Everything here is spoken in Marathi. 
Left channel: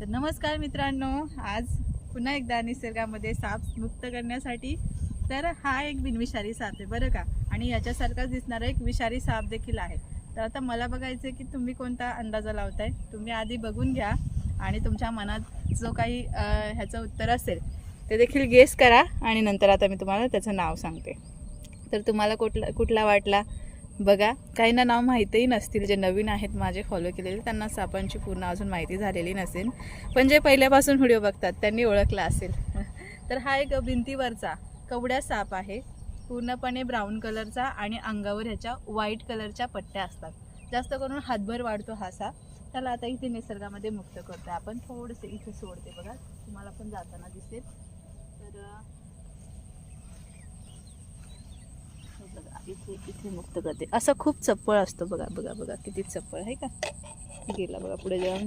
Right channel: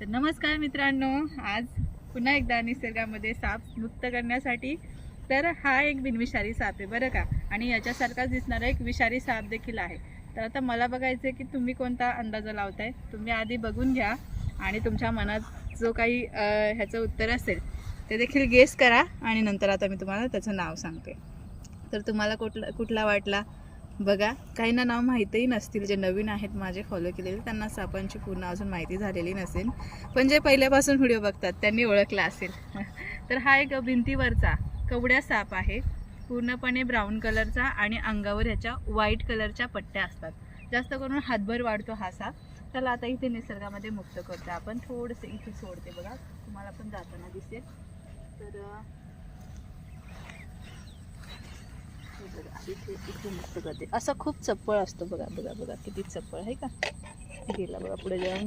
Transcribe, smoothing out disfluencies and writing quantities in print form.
तर नमस्कार मित्रांनो, आज पुन्हा एकदा निसर्गामध्ये साप मुक्त करण्यासाठी तर हा एक बिनविषारी साप आहे बरं का. आणि याच्यासारखाच दिसणारा एक विषारी साप देखील आहे. तर आता मला बघायचं आहे की तुम्ही कोणता अंदाजा लावताय. तुम्ही आधी बघून घ्या आणि तुमच्या मनात जो काही ह्याचं उत्तर असेल ते देखील गेस करा आणि नंतर आता मी तुम्हाला त्याचं नाव सांगते. तर तुम्हाला कुठला वाटला बघा. काहींना नाव माहितीही नसतील, जे नवीन आहेत माझे फॉलो केलेले त्यांना सापांची पूर्ण अजून माहिती झालेली नसेल, पण जे पहिल्यापासून व्हिडिओ बघतात त्यांनी ओळखला असेल. तर हा एक भिंतीवरचा कवड्या साप आहे, पूर्णपणे ब्राऊन कलरचा आणि अंगावर ह्याच्या व्हाईट कलरच्या पट्ट्या असतात. जास्त करून हातभर वाढतो हा साप. त्याला आता इथे निसर्गामध्ये मुक्त करतो आपण. थोडंसं इथे सोडते बघा, तुम्हाला पण जाताना दिसेल. तर बघा इथे मुक्त करते. असं खूप चप्पळ असतो बघा बघा बघा, किती चप्पळ आहे का. गेला बघा पुढे जाऊन.